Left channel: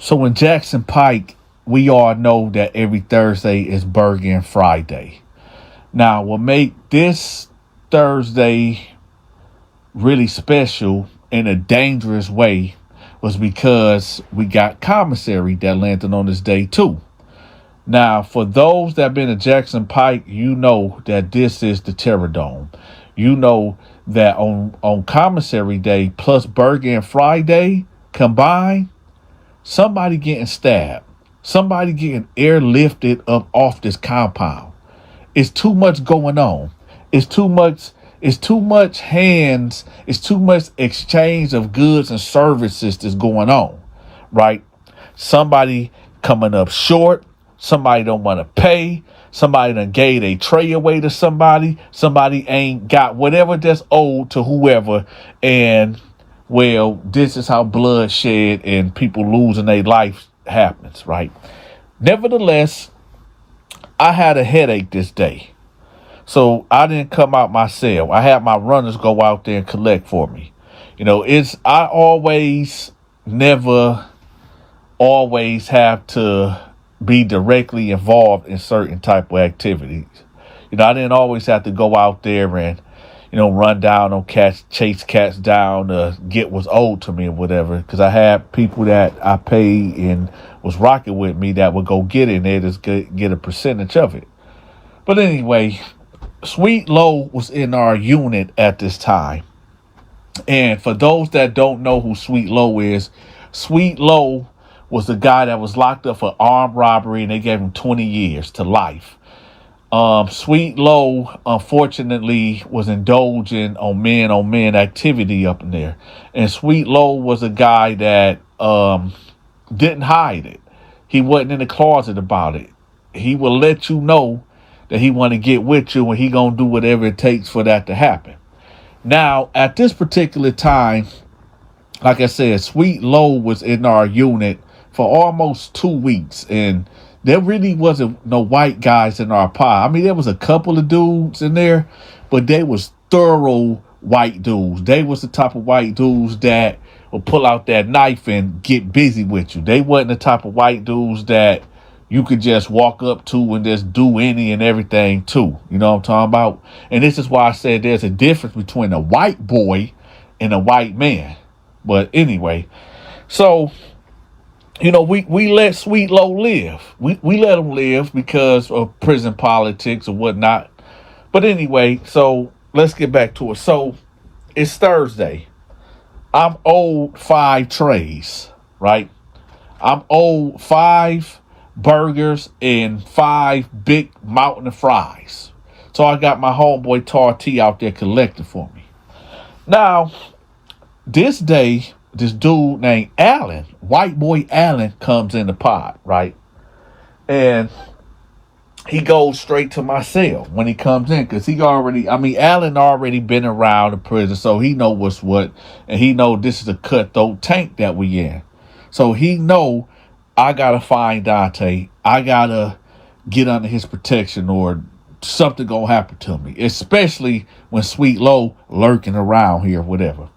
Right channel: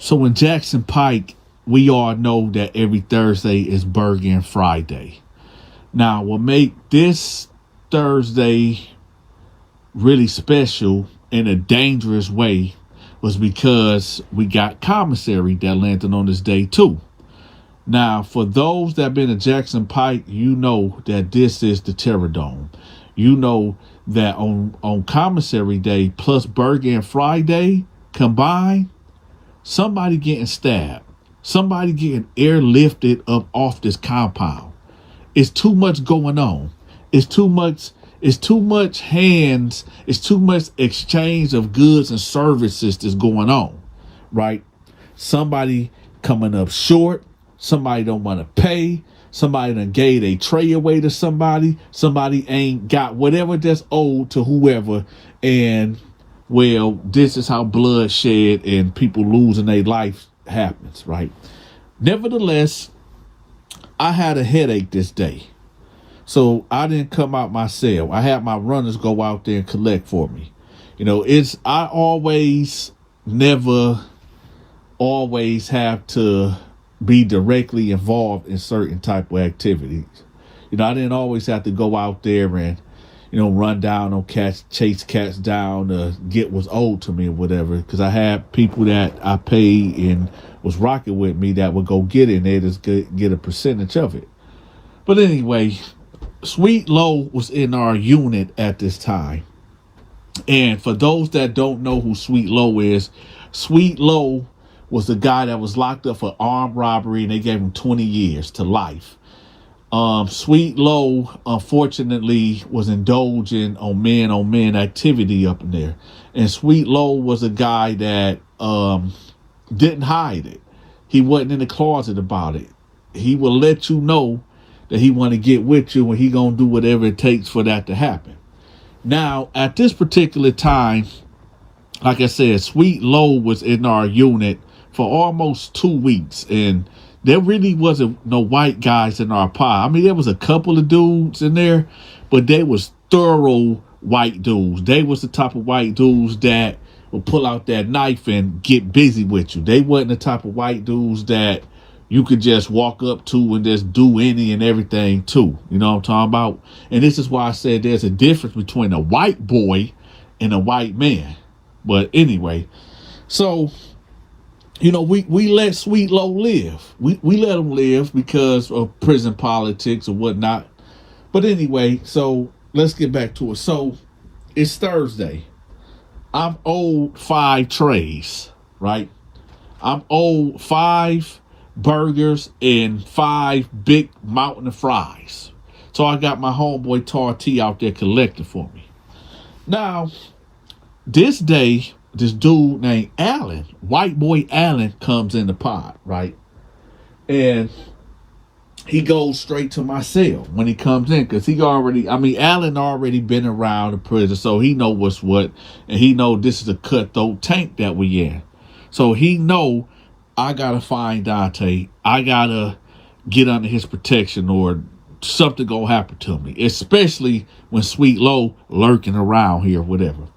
So in Jackson Pike, we all know that every Thursday is Burger Friday. Now, what make this Thursday really special in a dangerous way was because we got commissary that landed on this day too. Now, for those that have been to Jackson Pike, you know that this is the Terror Dome. You know that on commissary day plus Burger Friday combined, somebody getting stabbed, somebody getting airlifted up off this compound. It's too much going on. It's too much hands. It's too much exchange of goods and services that's going on, right? Somebody coming up short. Somebody don't want to pay. Somebody done gave a tray away to somebody. Somebody ain't got whatever that's owed to whoever. And, well, this is how bloodshed and people losing their life happens, right? Nevertheless, I had a headache this day. So I didn't come out my cell. I had my runners go out there and collect for me. I never always have to be directly involved in certain type of activities. I didn't always have to go out there and, run down on cats, chase cats down, get what's owed to me or whatever. Because I had people that I paid and was rocking with me that would go get in there to get a percentage of it. But anyway, Sweet Low was in our unit at this time. And for those that don't know who Sweet Low is, Sweet Low was the guy that was locked up for armed robbery and they gave him 20 years to life. Sweet Low, unfortunately, was indulging on men activity up in there. And Sweet Low was a guy that didn't hide it. He wasn't in the closet about it. He will let you know that he want to get with you and he going to do whatever it takes for that to happen. Now, at this particular time, like I said, Sweet Low was in our unit for almost 2 weeks, and there really wasn't no white guys in our pod. I mean, there was a couple of dudes in there, but they was thorough white dudes. They was the type of white dudes that would pull out that knife and get busy with you. They wasn't the type of white dudes that you could just walk up to and just do any and everything to. You know what I'm talking about? And this is why I said there's a difference between a white boy and a white man. But anyway, so we let Sweet Low live. We let him live because of prison politics or whatnot. But anyway, so let's get back to it. So it's Thursday. I'm owed 5 trays, right? I'm owed 5 burgers and 5 big mountain of fries. So I got my homeboy Tar T out there collecting for me. Now, this day, this dude named Allen, white boy Allen, comes in the pod, right? And he goes straight to my cell when he comes in, because Allen already been around the prison, so he know what's what, and he know this is a cutthroat tank that we in. So he know I gotta find Donta. I gotta get under his protection or something gonna happen to me, especially when Sweet Low lurking around here, whatever.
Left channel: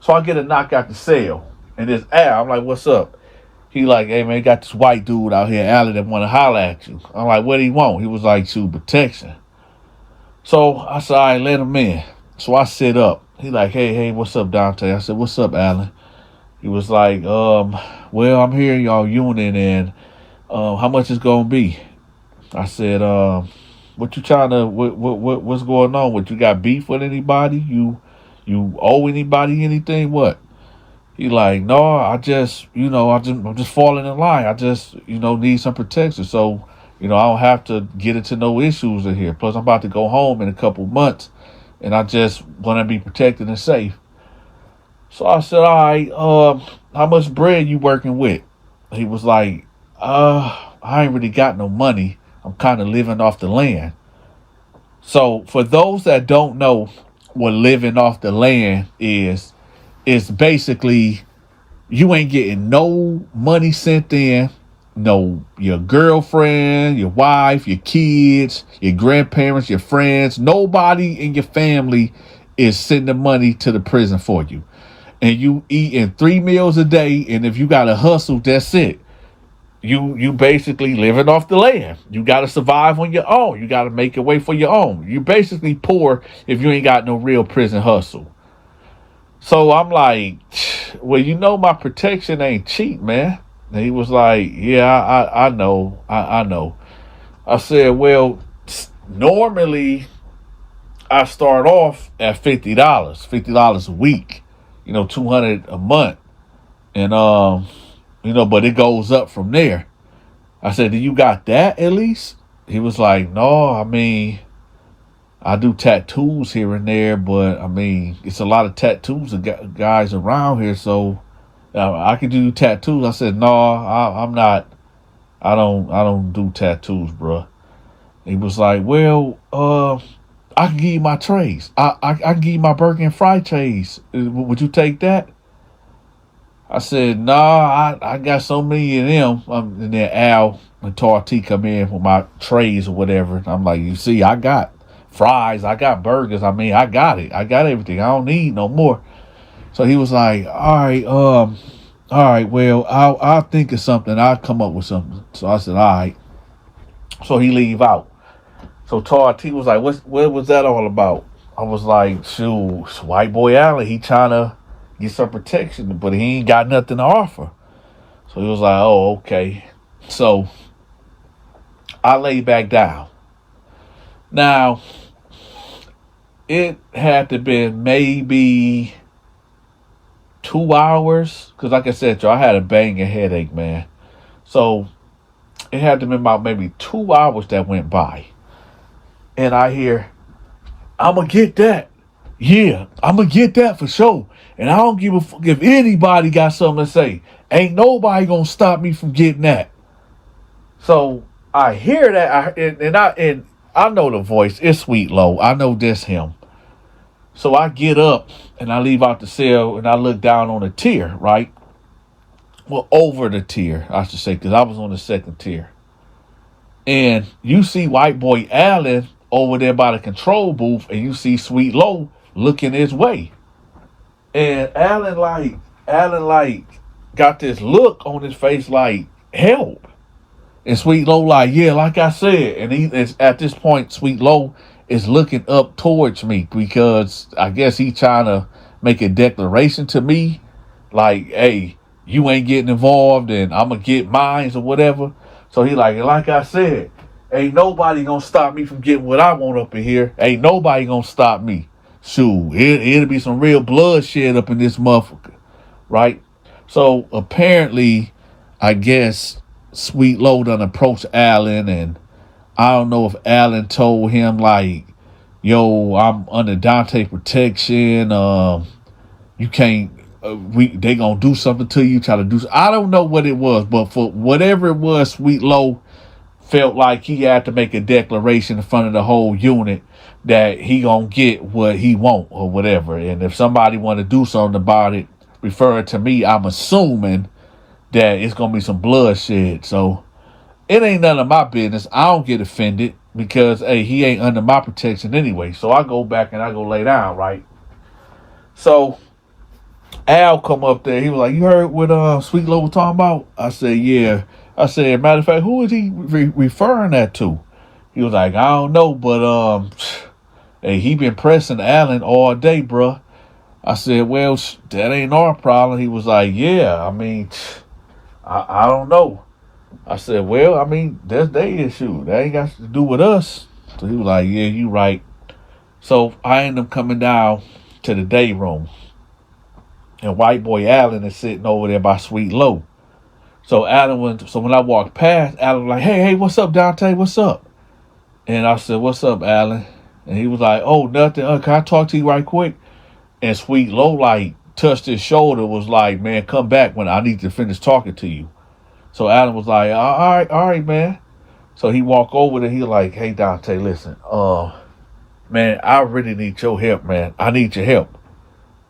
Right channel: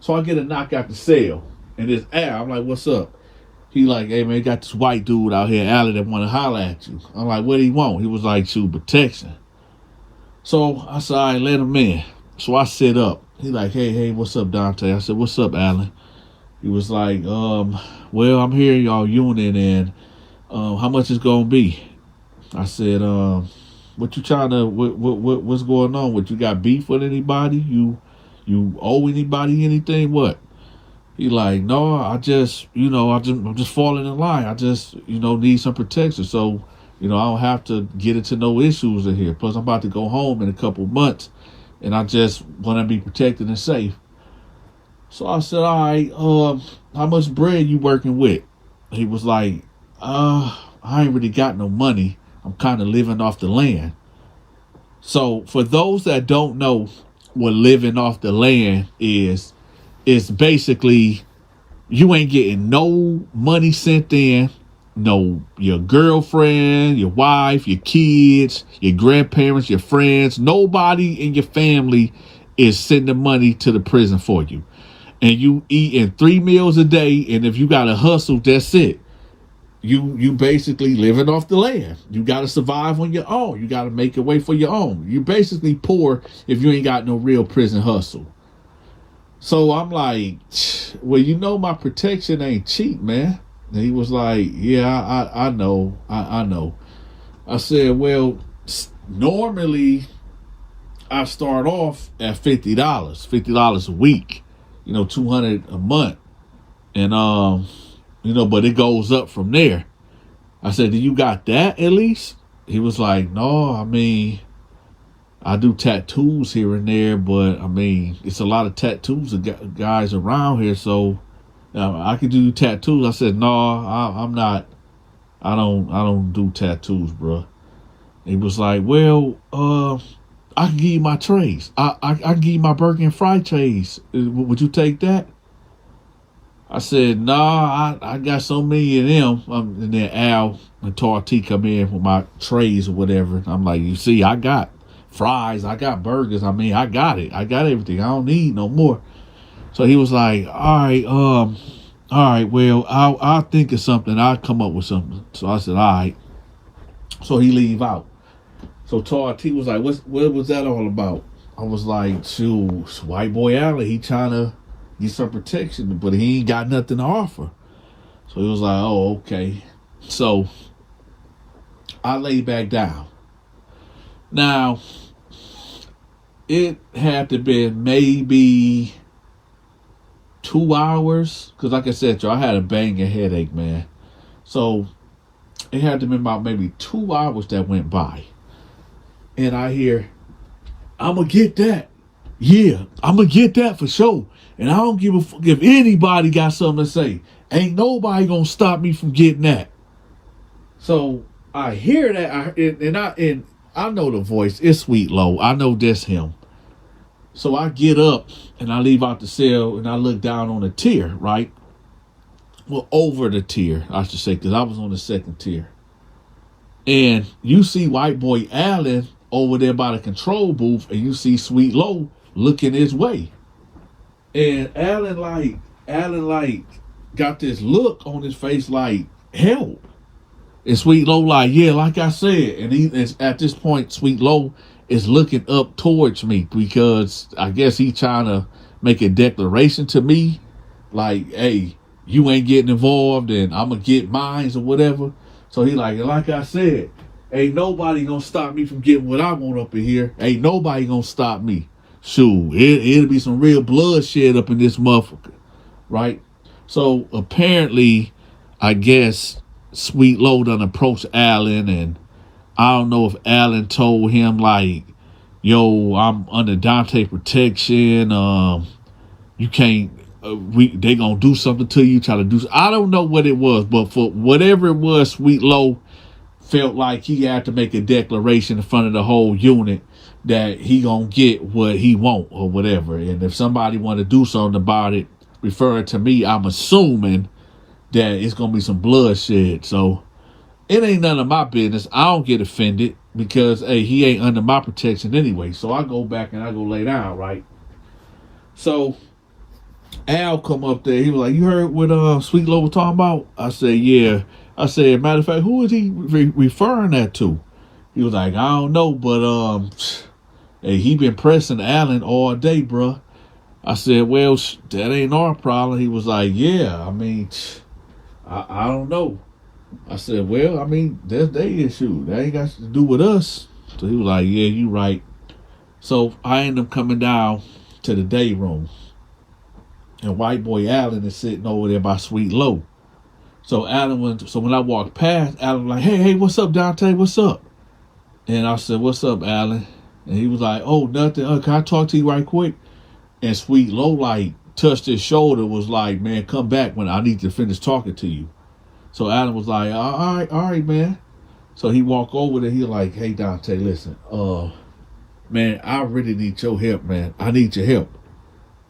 So I get a knock out the cell, and it's Al. I'm like, what's up? He like, hey, man, got this white dude out here, Allen, that want to holler at you. I'm like, what do he want? He was like, shoot, protection. So I said, all right, let him in. So I sit up. He like, hey, what's up, Donta? I said, what's up, Allen? He was like, well, I'm here in y'all unit, and how much it's going to be? I said, what you trying to, what's going on? What, you got beef with anybody? You owe anybody anything? What? He like, no, I'm just falling in line. I just, need some protection. So, I don't have to get into no issues in here. Plus, I'm about to go home in a couple months, and I just want to be protected and safe. So I said, all right, how much bread you working with? He was like, I ain't really got no money. I'm kind of living off the land. So for those that don't know what living off the land is, it's basically you ain't getting no money sent in. No, your girlfriend, your wife, your kids, your grandparents, your friends, nobody in your family is sending money to the prison for you. and you eating 3 meals a day, and if you got to hustle, that's it. You basically living off the land. You got to survive on your own. You got to make your way for your own. You basically poor if you ain't got no real prison hustle. So I'm like, well, my protection ain't cheap, man. And he was like, yeah, I know. I know. I said, well, normally I start off at $50, $50 a week, $200 a month. And, but it goes up from there. I said, do you got that at least? He was like, no, I mean, I do tattoos here and there, but I mean, it's a lot of tattoos of guys around here, so I can do tattoos. I said, no, I'm not. I don't do tattoos, bro. He was like, well, I can give you my trays. I can give you my burger and fry trays. Would you take that? I said, nah, I got so many of them. And then Al and Tarty come in with my trays or whatever. I'm like, you see, I got fries, I got burgers. I mean, I got it. I got everything. I don't need no more. So he was like, all right, well, I'll think of something. I'll come up with something. So I said, all right. So he leave out. So Tarty was like, what was that all about? I was like, shoot, white boy Allen, he trying to get some protection, but he ain't got nothing to offer. So he was like, oh, okay. So I lay back down. Now, it had to been maybe 2 hours, because like I said, y'all, I had a banging headache, man. So it had to be about maybe 2 hours that went by. And I hear, I'm going to get that. Yeah, I'm going to get that for sure. And I don't give a fuck if anybody got something to say. Ain't nobody going to stop me from getting that. So I hear that. And I know the voice. It's Sweet Low. I know this him. So I get up and I leave out the cell and I look down on the tier, right? Well, over the tier, I should say, because I was on the second tier. And you see white boy Allen over there by the control booth, and you see Sweet Low looking his way. And Allen got this look on his face like, help. And Sweet Low like, yeah, like I said. And he is at this point, Sweet Low is looking up towards me because I guess he trying to make a declaration to me like, hey, you ain't getting involved and I'm going to get mines or whatever. So he like I said, ain't nobody going to stop me from getting what I want up in here. Ain't nobody going to stop me. Shoot, it'll be some real bloodshed up in this motherfucker, right? So apparently, I guess Sweet Low done approached Allen, and I don't know if Allen told him like, yo, I'm under Donta protection. You can't, they gonna do something to you, try to do, I don't know what it was, but for whatever it was, Sweet Low felt like he had to make a declaration in front of the whole unit that he gonna get what he want or whatever. And if somebody want to do something about it, referring to me, I'm assuming that it's gonna be some bloodshed. So it ain't none of my business. I don't get offended because, hey, he ain't under my protection anyway. So I go back and I go lay down, right? So Al come up there. He was like, you heard what Sweet Low was talking about? I said, yeah. I said, matter of fact, who is he referring that to? He was like, I don't know, but hey, he been pressing Allen all day, bruh. I said, well, that ain't our problem. He was like, yeah, I mean, I don't know. I said, well, I mean, that's their issue. That ain't got to do with us. So he was like, yeah, you right. So I ended up coming down to the day room. And white boy Allen is sitting over there by Sweet Low. So when I walked past, Allen was like, hey, what's up, Donta? What's up? And I said, what's up, Allen? And he was like, oh, nothing. Can I talk to you right quick? And Sweet Low like touched his shoulder, was like, man, come back when I need to finish talking to you. So Allen was like, all right, man. So he walked over there. He like, hey, Donta, listen, man, I really need your help, man. I need your help.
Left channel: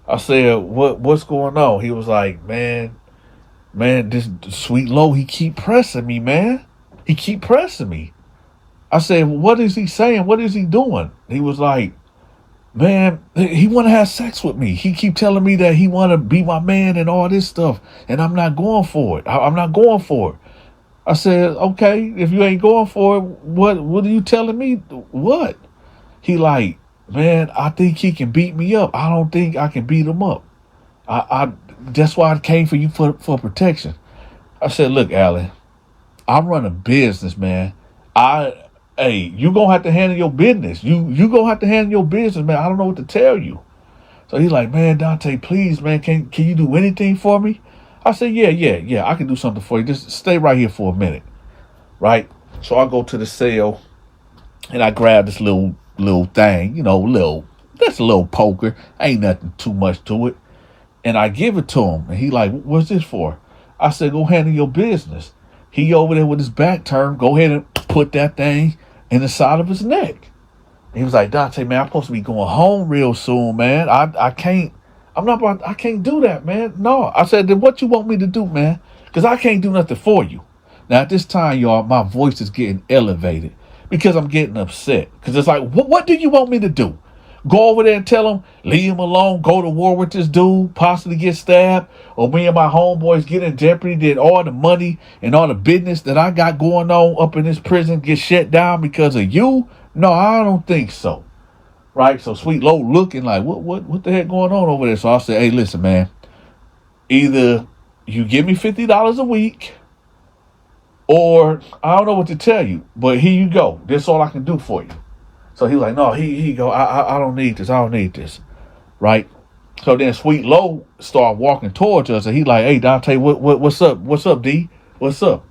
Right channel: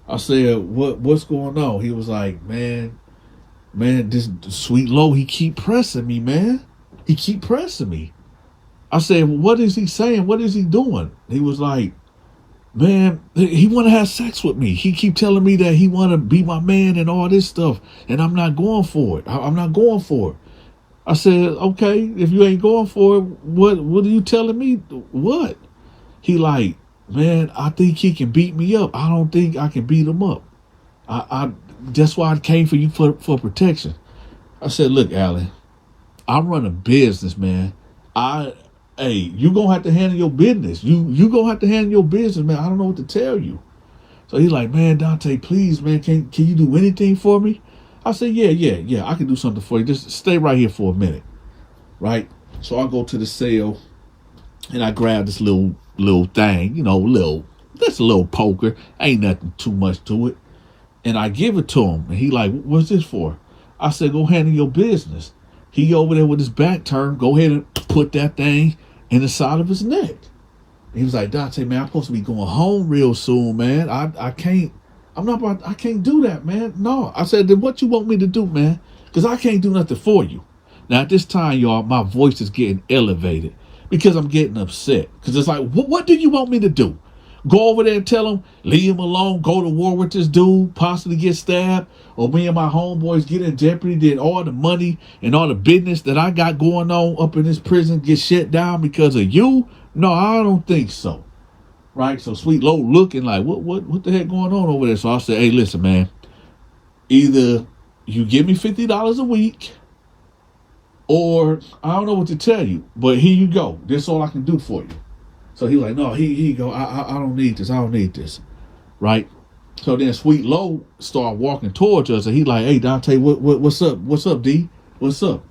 I said, what's going on? He was like, man, this Sweet Low, he keep pressing me, man. He keep pressing me. I said, what is he saying? What is he doing? He was like, man, he want to have sex with me. He keep telling me that he want to be my man and all this stuff, and I'm not going for it. I'm not going for it. I said, okay, if you ain't going for it, what are you telling me? What? He like, man, I think he can beat me up. I don't think I can beat him up. I that's why I came for you for protection. I said, look, Alan, I run a business, man. Hey, you gonna have to handle your business. You gonna have to handle your business, man. I don't know what to tell you. So he's like, man, Donta, please, man, can you do anything for me? I said, yeah, I can do something for you. Just stay right here for a minute, right? So I go to the cell and I grab this little thing, that's a little poker. Ain't nothing too much to it. And I give it to him. And he like, what's this for? I said, go handle your business. He over there with his back turned. Go ahead and put that thing in the side of his neck. And he was like, Donta, man, I'm supposed to be going home real soon, man. I can't do that, man. No. I said, then what you want me to do, man? Because I can't do nothing for you. Now, at this time, y'all, my voice is getting elevated because I'm getting upset. Because it's like, what do you want me to do? Go over there and tell him, leave him alone, go to war with this dude, possibly get stabbed, or me and my homeboys get in jeopardy, then all the money and all the business that I got going on up in this prison get shut down because of you? No, I don't think so. Right? So Sweet Low looking like, what the heck going on over there? So I said, hey, listen, man, either you give me $50 a week, or I don't know what to tell you, but here you go. This is all I can do for you. So he was like, no, he go, I don't need this. I don't need this. Right? So then Sweet Low started walking towards us, and he like, hey, Donta, what's up? What's up, D? What's up?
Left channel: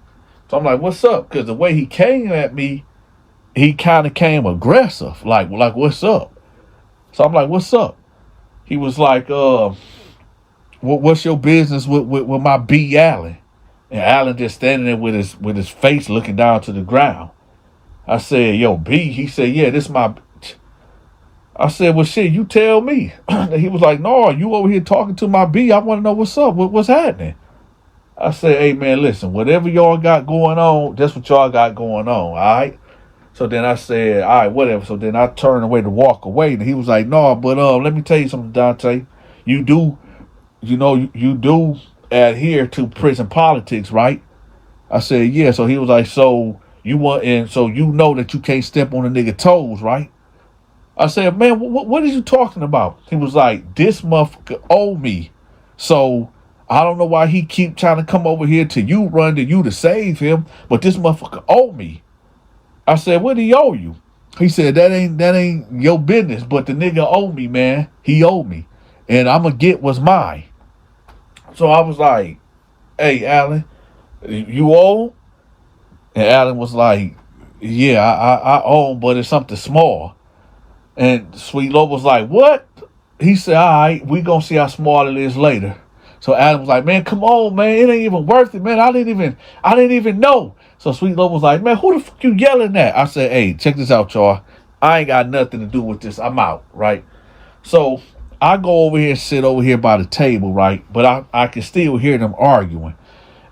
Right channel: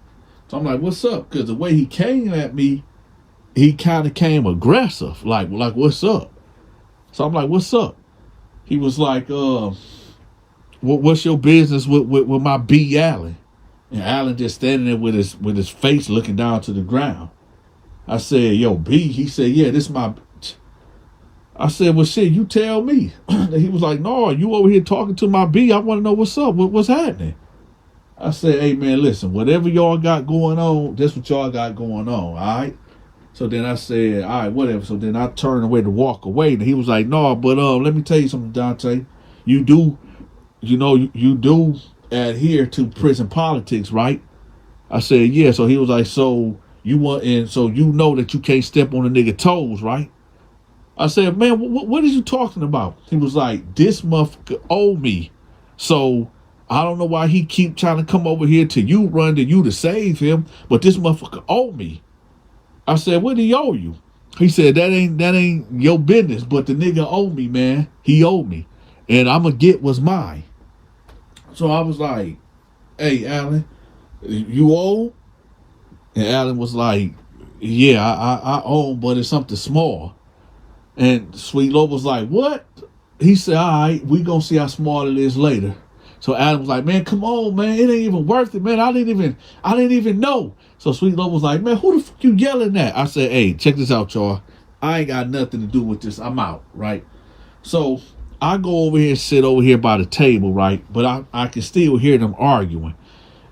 So I'm like, what's up? Because the way he came at me, he kind of came aggressive. Like, what's up? So I'm like, what's up? He was like, what's your business with my B Allen? And Allen just standing there with his face looking down to the ground. I said, yo, B. He said, yeah, this my. I said, well, shit, you tell me. He was like, no, you over here talking to my B. I want to know what's up. What's happening? I said, hey, man, listen, whatever y'all got going on, that's what y'all got going on, all right? So then I said, all right, whatever. So then I turned away to walk away. And he was like, no, but let me tell you something, Donta. You do, you do adhere to prison politics, right? I said, yeah. So he was like, so you want, and so you know that you can't step on a nigga toes, right? I said, man, what are you talking about? He was like, this motherfucker owe me. So I don't know why he keep trying to come over here to you, run to you to save him, but this motherfucker owe me. I said, what do he owe you? He said, that ain't your business, but the nigga owe me, man. He owe me. And I'm going to get what's mine. So I was like, hey, Alan, you owe? And Alan was like, yeah, I owe, but it's something small. And Sweet Low was like, what? He said, all right, we going to see how small it is later. So Adam was like, man, come on, man. It ain't even worth it, man. I didn't even know. So Sweet Low was like, man, who the fuck you yelling at? I said, hey, check this out, y'all. I ain't got nothing to do with this. I'm out, right? So I go over here and sit over here by the table, right? But I can still hear them arguing.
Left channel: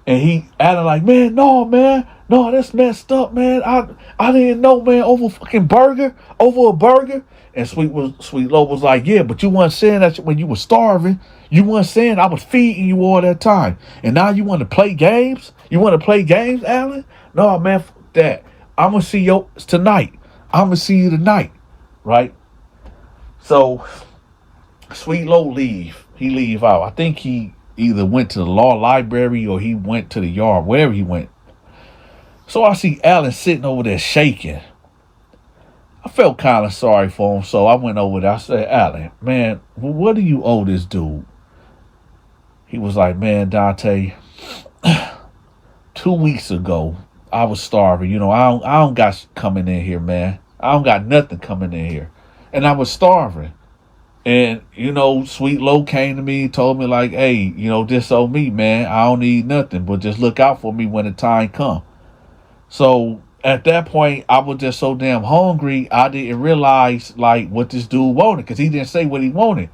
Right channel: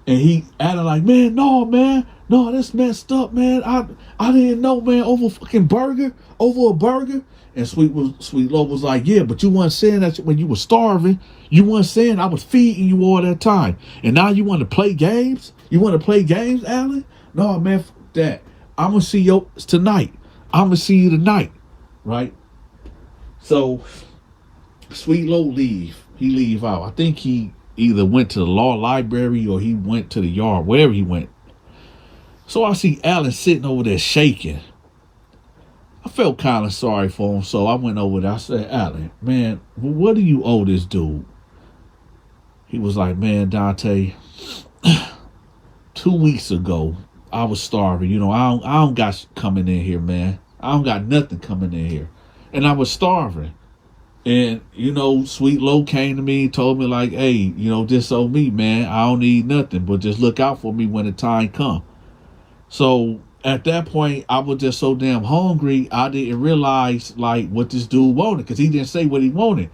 And he Adam like, man, no, that's messed up, man. I didn't know, man, over a burger. And Sweet Low was like, yeah, but you weren't saying that when you were starving. You weren't saying I was feeding you all that time. And now you want to play games? You want to play games, Alan? No, man, fuck that. I'm going to see you tonight. I'm going to see you tonight, right? So Sweet Low leave. He leave out. I think he either went to the law library or he went to the yard, wherever he went. So I see Alan sitting over there shaking. I felt kind of sorry for him, so I went over there. I said, Alan, man, what do you owe this dude? He was like, man, Donta, 2 weeks ago, I was starving. I don't got coming in here, man. I don't got nothing coming in here. And I was starving. And, Sweet Low came to me and told me like, hey, this owe me, man. I don't need nothing, but just look out for me when the time comes. So at that point, I was just so damn hungry, I didn't realize like what this dude wanted because he didn't say what he wanted.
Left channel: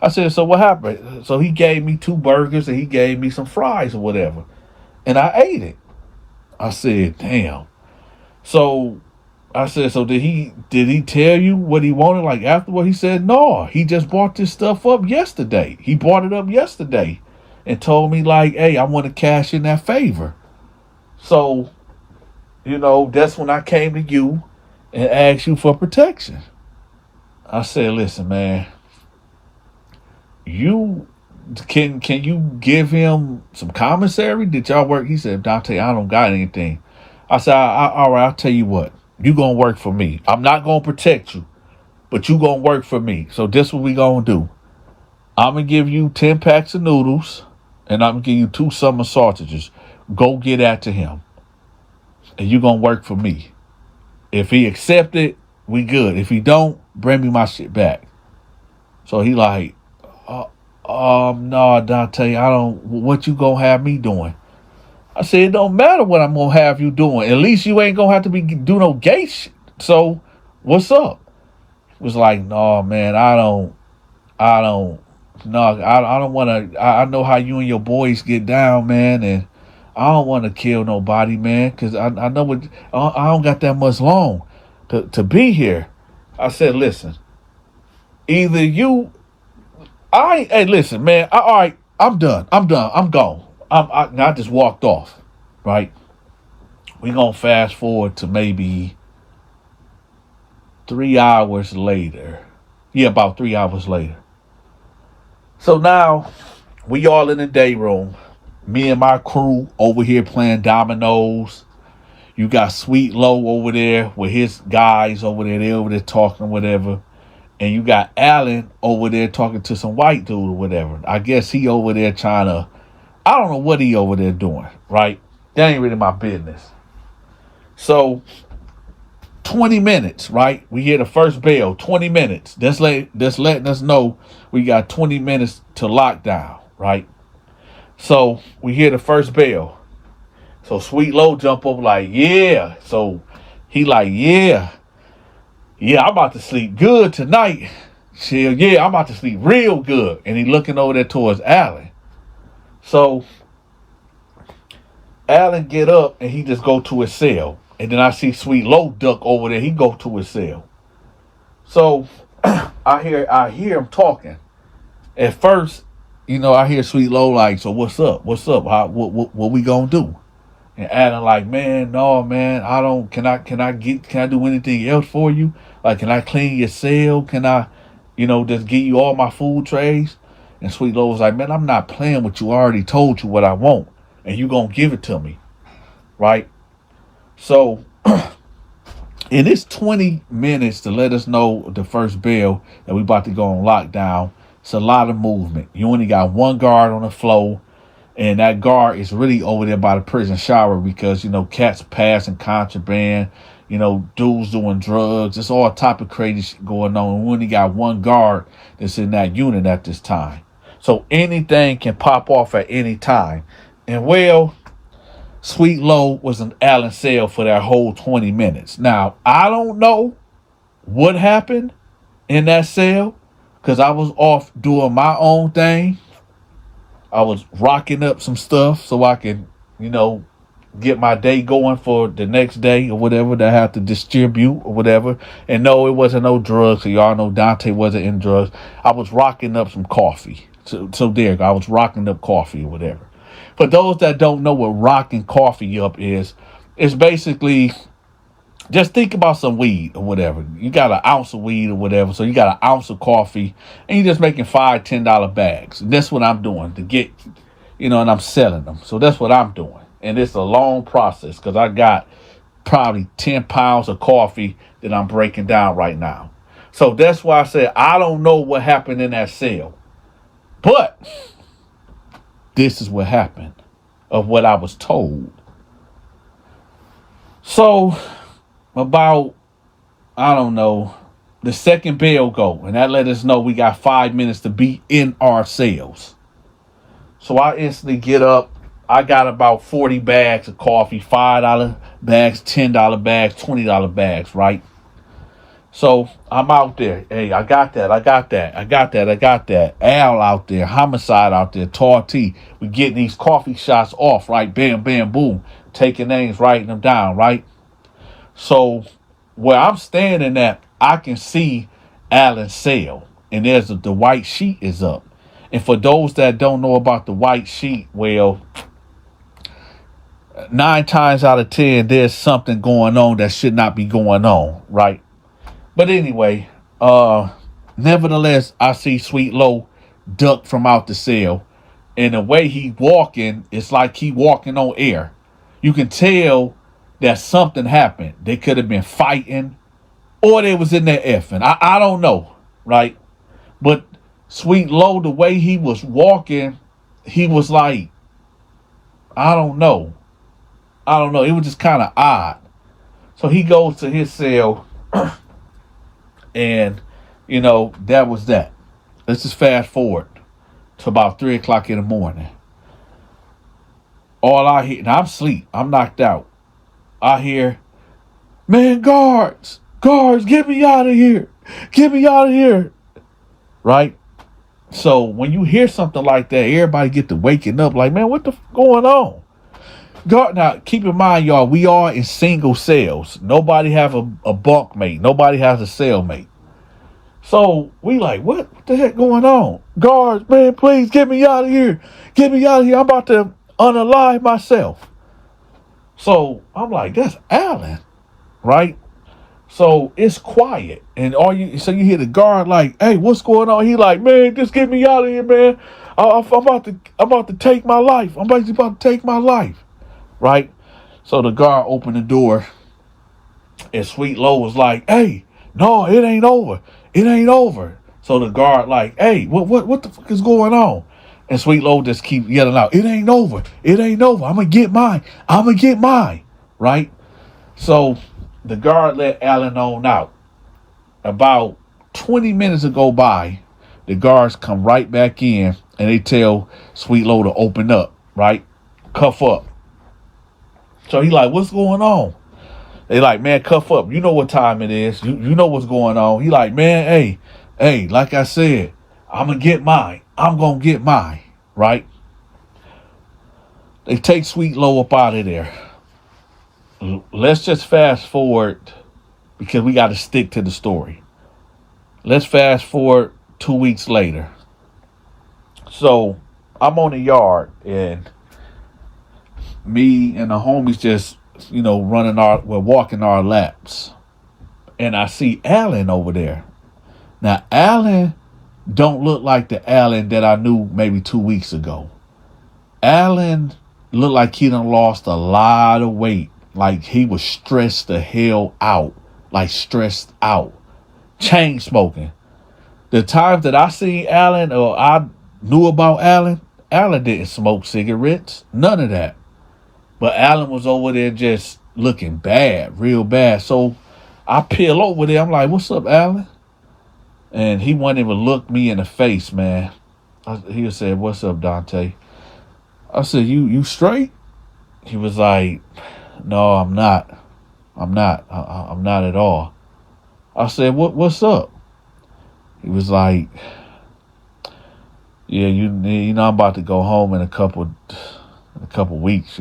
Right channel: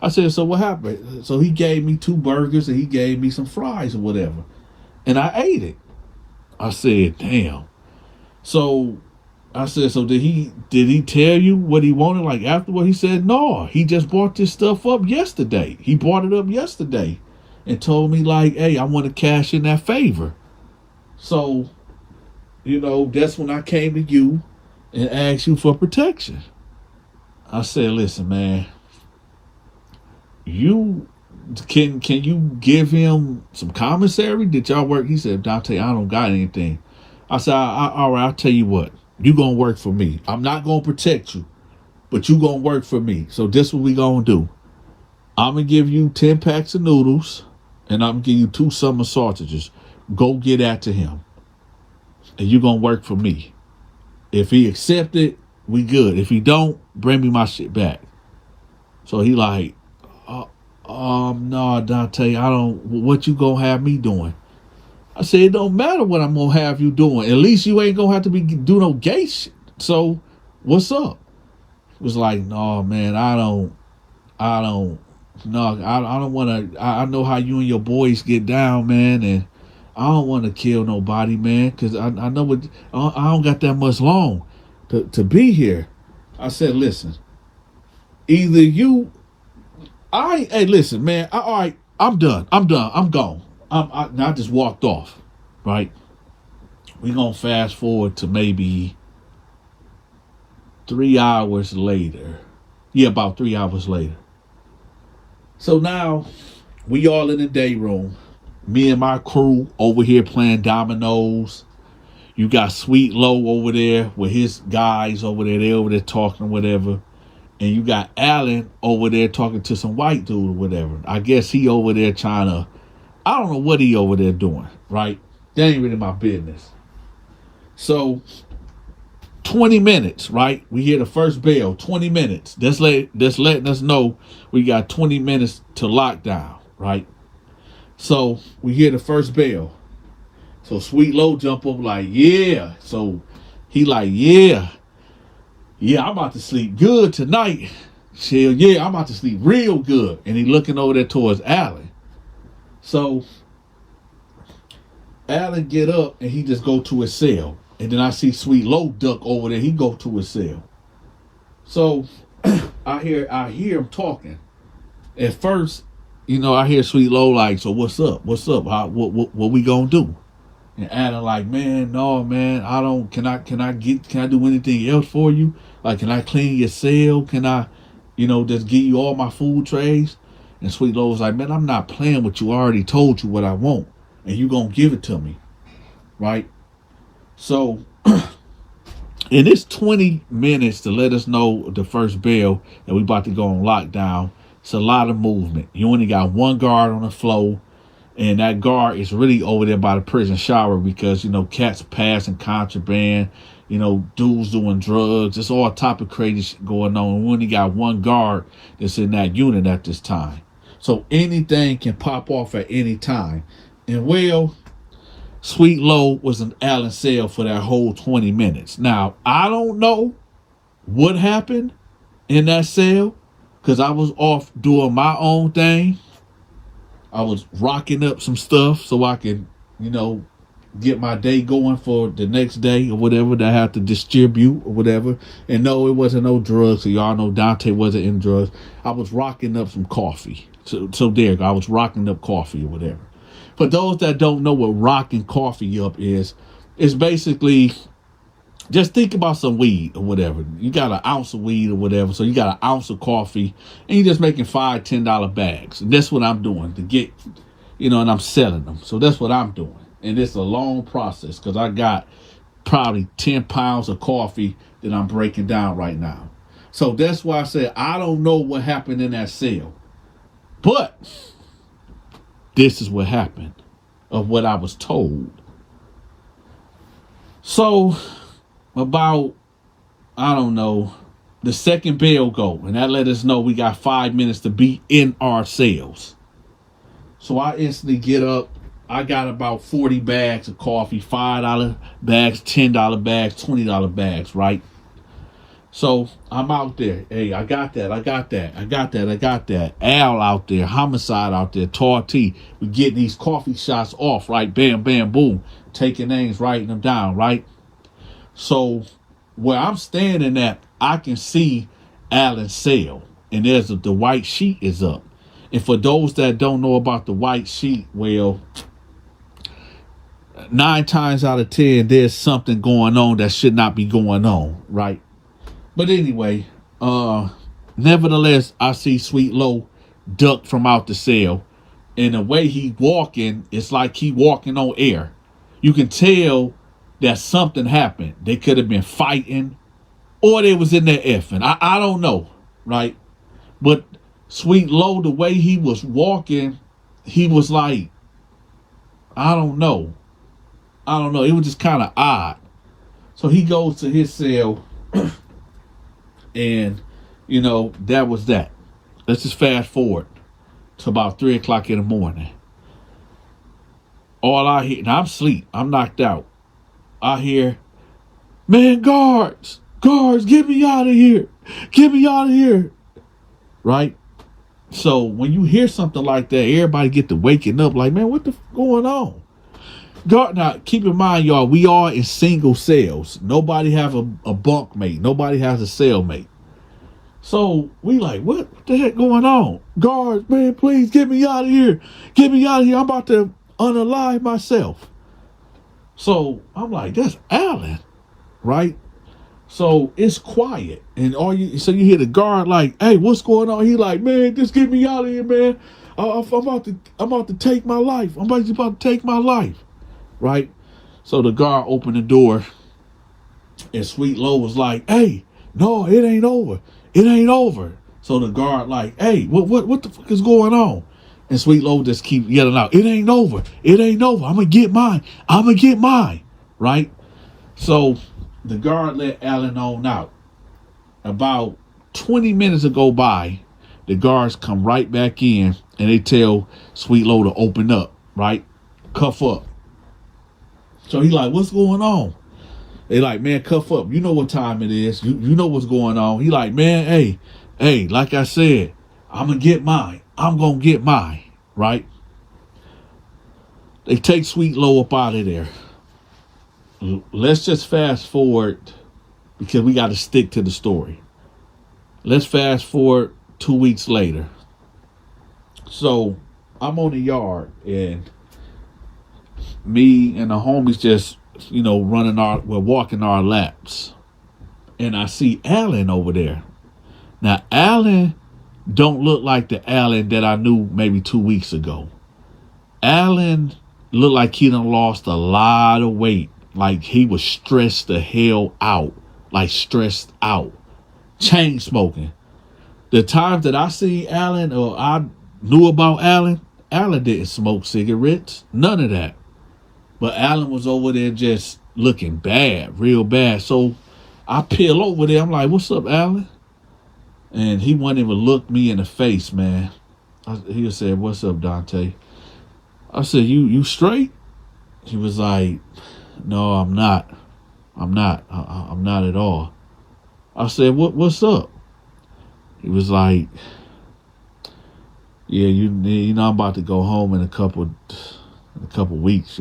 I said, so what happened? So he gave me 2 burgers and he gave me some fries or whatever. And I ate it. I said, damn. So I said, so did he tell you what he wanted? Like afterward, he said, no, he just brought this stuff up yesterday. He brought it up yesterday and told me like, hey, I want to cash in that favor. So, that's when I came to you and asked you for protection. I said, listen, man, you can you give him some commissary? Did y'all work? He said, Dante, I don't got anything. I said, all right, I'll tell you what. You gonna work for me. I'm not gonna protect you, but you gonna work for me. So this what we gonna do. I'm gonna give you 10 packs of noodles, and I'm gonna give you 2 summer sausages. Go get that to him, and you gonna work for me. If he accept it, we good. If he don't, bring me my shit back. So he like, no, Dante, I don't. What you gonna have me doing? I said, it don't matter what I'm gonna have you doing. At least you ain't gonna have to do no gay shit. So, what's up? It was like, no, man, I don't want to. I know how you and your boys get down, man, and I don't want to kill nobody, man, because I know what. I don't got that much long to be here. I said, listen, either you, hey, listen, man, all right, I'm done, I'm gone. I just walked off, right? We're going to fast forward to maybe 3 hours later. Yeah, about 3 hours later. So now, we all in the day room. Me and my crew over here playing dominoes. You got Sweet Low over there with his guys over there. They over there talking or whatever. And you got Alan over there talking to some white dude or whatever. I guess he over there trying to, I don't know what he over there doing, right? That ain't really my business. So, 20 minutes, right? We hear the first bell, 20 minutes. That's letting us know we got 20 minutes to lockdown, right? So, we hear the first bell. So, Sweet Low jump up like, yeah. So, he like, yeah, I'm about to sleep good tonight. Chill, yeah, I'm about to sleep real good. And he looking over there towards Alan. So, Alan get up and he just go to his cell. And then I see Sweet Low duck over there. He go to his cell. So, I hear him talking. At first, I hear Sweet Low like, so what's up? What's up? What we gonna do? And Alan like, man, no, man, I don't. Can I do anything else for you? Like, can I clean your cell? Can I, just give you all my food trays? And Sweet Low was like, man, I'm not playing with you. I already told you what I want, and you gonna give it to me, right? So, in this 20 minutes to let us know the first bell that we about to go on lockdown, it's a lot of movement. You only got one guard on the floor. And that guard is really over there by the prison shower because, cats passing contraband, dudes doing drugs. It's all type of crazy shit going on. We only got one guard that's in that unit at this time. So anything can pop off at any time. And Sweet Low was in Allen's cell for that whole 20 minutes. Now, I don't know what happened in that cell because I was off doing my own thing. I was rocking up some stuff so I can, get my day going for the next day or whatever that I have to distribute or whatever. And no, it wasn't no drugs. So y'all know Dante wasn't in drugs. I was rocking up some coffee. So there, I was rocking up coffee or whatever. For those that don't know what rocking coffee up is, it's basically just think about some weed or whatever. You got an ounce of weed or whatever. So you got an ounce of coffee and you're just making $5, $10 bags. And that's what I'm doing to get, and I'm selling them. So that's what I'm doing. And it's a long process because I got probably 10 pounds of coffee that I'm breaking down right now. So that's why I said, I don't know what happened in that cell. But this is what happened of what I was told. So about, I don't know, the second bell go, and that let us know we got 5 minutes to be in our cells. So I instantly get up. I got about 40 bags of coffee, $5 bags, $10 bags, $20 bags, right? So I'm out there. Hey, I got that. Al out there, Homicide out there, Tar T. We getting these coffee shots off, right? Bam, bam, boom. Taking names, writing them down, right? So where I'm standing at, I can see Alan's cell, and there's the white sheet is up. And for those that don't know about the white sheet, well, 9 times out of 10, there's something going on that should not be going on, right? But anyway, nevertheless, I see Sweet Low duck from out the cell, and the way he walking, it's like he walking on air. You can tell that something happened. They could have been fighting, or they was in there effing. I don't know, right? But Sweet Low, the way he was walking, he was like, I don't know. It was just kind of odd. So he goes to his cell, and, that was that. Let's just fast forward to about 3 o'clock in the morning. All I hear, now I'm asleep, I'm knocked out. I hear, man, guards, get me out of here. Right? So when you hear something like that, everybody get to waking up like, man, what the going on? Now, keep in mind, y'all, we are in single cells. Nobody have a bunkmate. Nobody has a cellmate. So we like, what the heck going on? Guards, man, please get me out of here. I'm about to unalive myself. So I'm like, that's Alan, right? So it's quiet, and you hear the guard like, hey, what's going on? He like, man, just get me out of here, man. I'm about to take my life. I'm about to take my life, right? So the guard opened the door, and Sweet Low was like, hey, no, it ain't over. So the guard like, hey, what the fuck is going on? And Sweet Low just keep yelling out, it ain't over. I'm gonna get mine, right? So the guard let Alan on out. About 20 minutes go by, the guards come right back in, and they tell Sweet Low to open up, right? Cuff up. So he like, what's going on? They like, man, cuff up. You know what time it is. You know what's going on. He like, man, hey, like I said, I'm gonna get mine, right? They take Sweet Low up out of there. Let's just fast forward, because we got to stick to the story. Let's fast forward 2 weeks later. So I'm on the yard, and me and the homies just, we're walking our laps. And I see Alan over there. Now, Alan don't look like the Alan that I knew maybe 2 weeks ago. Alan looked like he done lost a lot of weight. Like he was stressed the hell out. Chain smoking. The times that I seen Alan, or I knew about Alan didn't smoke cigarettes. None of that. But Alan was over there just looking bad, real bad. So I peel over there. I'm like, what's up, Alan? And he wouldn't even look me in the face, man. He said, what's up, Donta? I said, you straight? He was like, no, I'm not. I'm not at all. I said, what's up? He was like, yeah, you know, I'm about to go home in a couple weeks,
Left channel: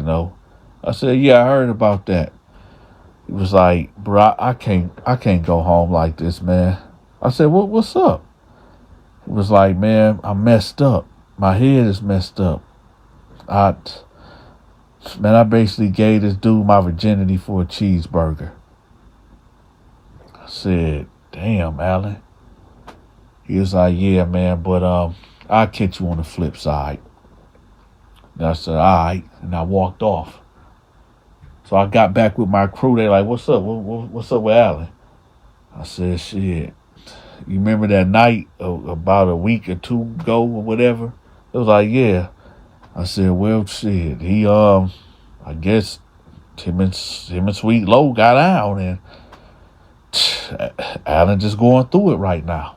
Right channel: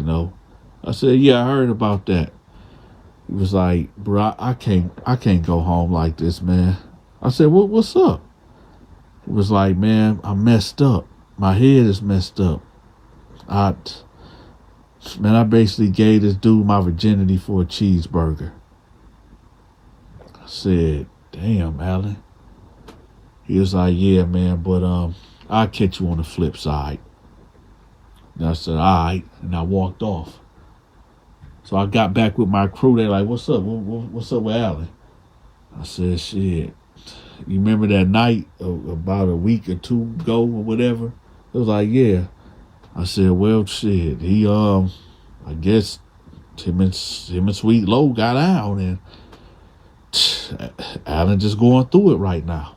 I said, yeah, I heard about that. He was like, bro, I can't go home like this, man. I said, what's up? He was like, man, I'm messed up. My head is messed up. I basically gave this dude my virginity for a cheeseburger. I said, damn, Alan. He was like, yeah, man, but I'll catch you on the flip side. And I said, all right. And I walked off. So I got back with my crew. They're like, what's up? What's up with Alan? I said, shit. You remember that night about a week or two ago or whatever? It was like, yeah. I said, well, shit. He, I guess him and Sweet Low got out, and Alan just going through it right now.